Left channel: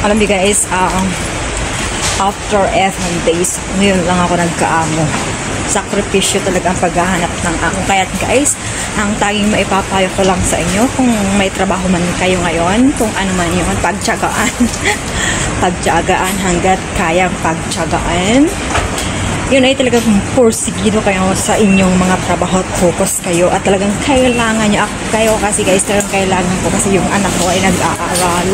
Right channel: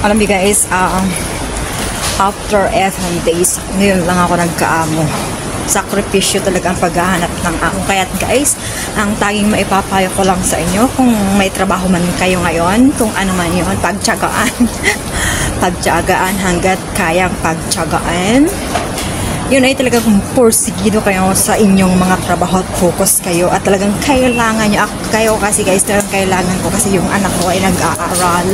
Alam niyo guys, after 11 days, ngayon lang ako nagkaamo. Sakripisyo talaga ang paghahanap ng amo. Kaya guys, ang tanging maipapayo ko lang sa inyo, kung may trabaho man kayo ngayon, kung ano man yun, pagtyagaan. Pagtyagaan hanggat kayang pagtyagaan. Yun ay talagang porsigido kayo sa inyong mga trabaho at focus kayo at talagang kailangan nyo kayo kasi guys, talagang kailangan ko kasi yung anak ko ay nag-aaral.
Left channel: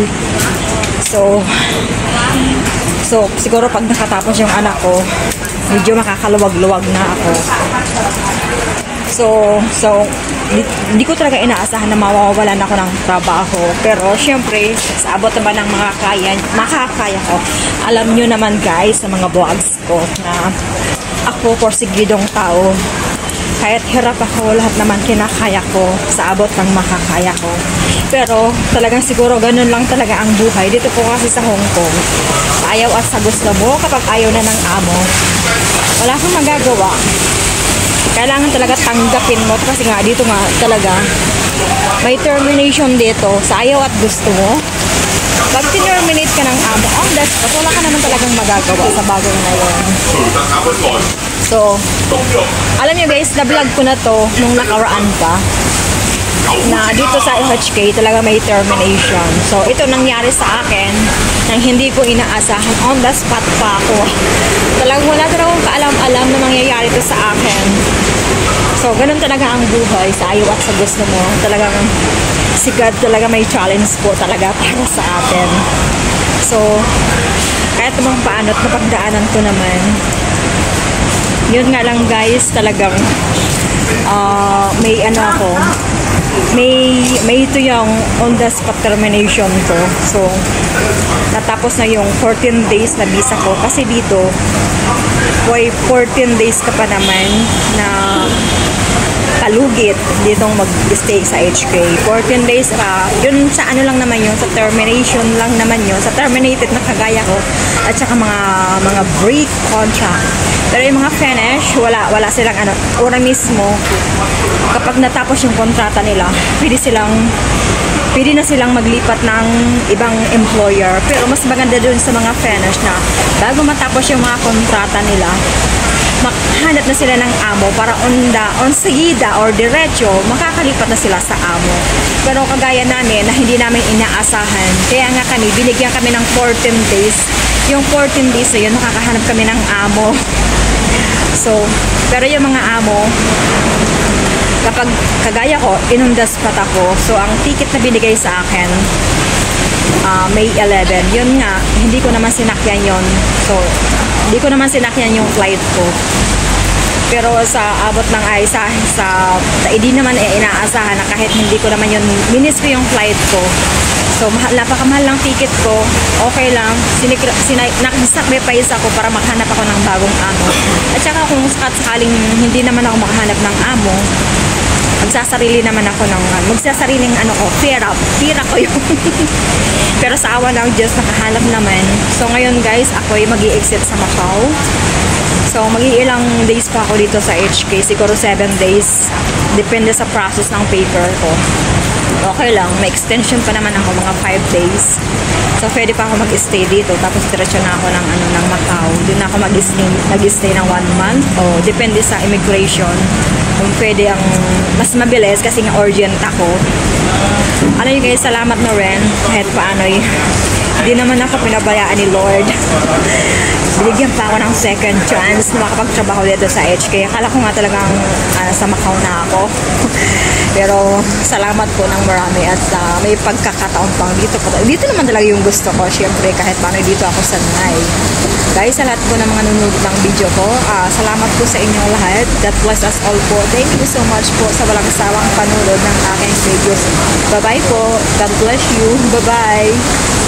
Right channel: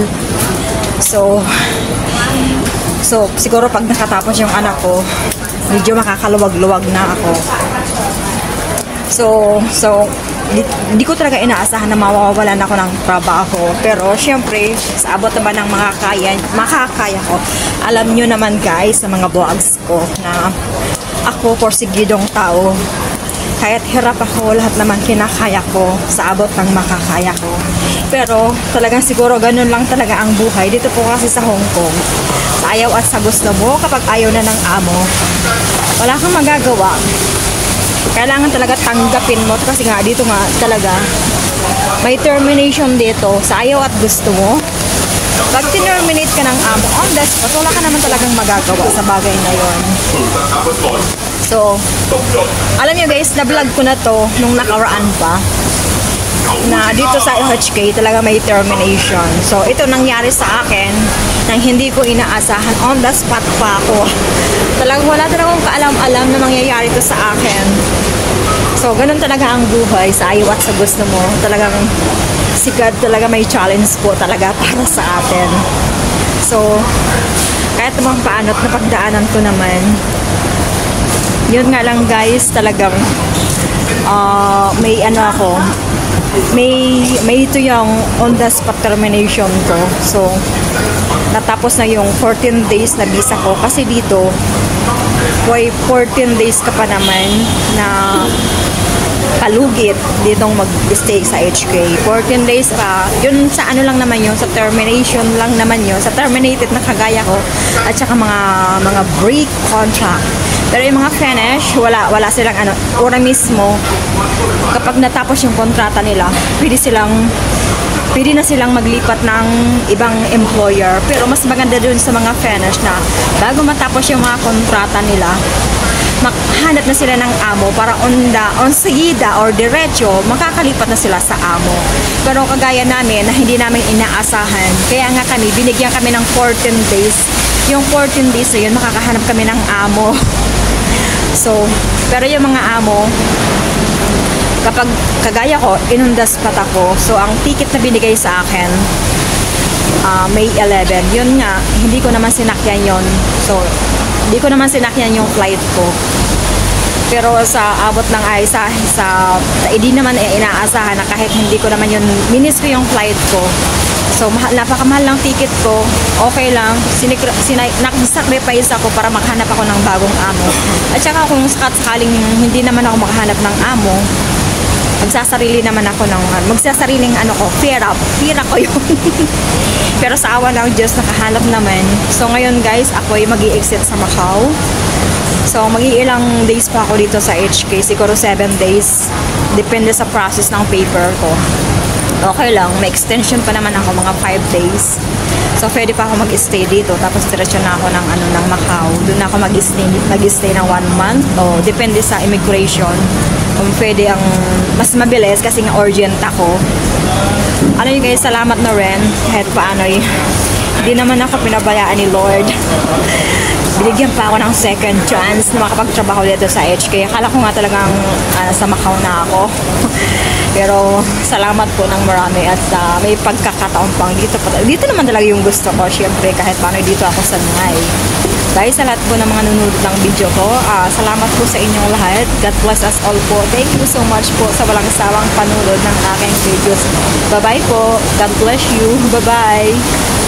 So siguro pag nakatapos yung anak ko, medyo makakaluwag-luwag na ako. So di ko talaga inaasahan na mawawalan ako ng trabaho. Pero syempre, sa abot ba ng makakaya ko. Alam nyo naman guys, sa mga vlogs ko na ako porsigidong tao. Kahit hirap ako, lahat naman kinakaya ko sa abot ng makakaya ko. Pero talagang siguro ganun lang talaga ang buhay. Dito po kasi sa Hong Kong, ayaw at sa gusto mo, kapag ayaw na ng amo, wala kang magagawa. Kailangan talaga tanggapin mo kasi nga dito nga talaga may termination dito sa ayaw at gusto mo. Pag terminate ka ng amo, wala ka naman talagang magagawa sa bagay na yun. So, alam niyo guys, na-vlog ko na to nung nakaraan pa na dito sa LHK talaga may termination. So, ito nangyari sa akin nang hindi ko inaasahan. On the spot pa ako. Talagang wala talaga akong kaalam-alam na mangyayari to sa akin. So, ganun talaga ang buhay sa ayaw at sa gusto mo. Talagang si God talaga may challenge po talaga para sa atin. So, kahit naman paano at napagdaanan ko naman, yun nga lang guys, talagang may ano ako, may ito yung on the spot termination ko. So, natapos na yung 14 days na visa ko kasi dito, 14 days ka pa naman na kalugit ditong mag-stay sa HK. 14 days yun sa ano lang naman yun, sa termination lang naman yun, sa terminated na kagaya ko at saka mga break contract. Pero yung mga finish, wala silang ano, ora mismo kapag natapos yung kontrata nila, pwede na silang maglipat ng ibang employer. Pero mas maganda dun sa mga finish na bago matapos yung mga kontrata nila, makahanap na sila ng amo para on seguida or diretso, makakalipat na sila sa amo. Pero kagaya namin na hindi namin inaasahan, kaya nga kami, binigyan kami ng 14 days. Yung 14 days na yun, makakahanap kami ng amo. So, pero yung mga amo, kapag kagaya ko, inundaspat ako. So, ang ticket na binigay sa akin, May 11. Yun nga, hindi ko naman sinakyan yun. So, hindi ko naman sinakyan yung flight ko. Pero sa abot ng ay, hindi naman inaasahan na kahit hindi ko naman yun, minis ko yung flight ko. So, napakamahal lang ticket ko, okay lang, nag-sacrifice ako para maghanap ako ng bagong amo. At saka kung sakaling hindi naman ako maghanap ng amo, magsasariling pera ko yun. Pero sa awa ng Diyos, nakahanap naman. So, ngayon guys, ako ay mag-i-exit sa Macau. So, mag-iilang days pa ako dito sa HK, siguro 7 days. Depende sa process ng paper ko. Okay lang, may extension pa naman ako, mga 5 days. So, pwede pa ako mag-stay dito. Tapos, diretso na ako ng Macau. Doon ako mag-stay ng 1 month. O, depende sa immigration. Kung pwede ang mas mabilis kasi nga urgent ako. Ano yun guys, salamat na rin. Kahit paano hindi naman ako pinabayaan ni Lord. Binigyan pa ako ng second chance na makapagtrabaho dito sa HK. Akala ko nga talagang sa Macau na ako. Pero salamat po ng marami at may pagkakataon pang dito. Dito naman talaga yung gusto ko. Siyempre kahit paano dito ako sa Nungay. Dahil sa lahat po ng mga nanonood ng video ko, salamat po sa inyong lahat. God bless us all po. Thank you so much po sa walang sawang panunod ng aking videos. Bye-bye po. God bless you. Bye-bye.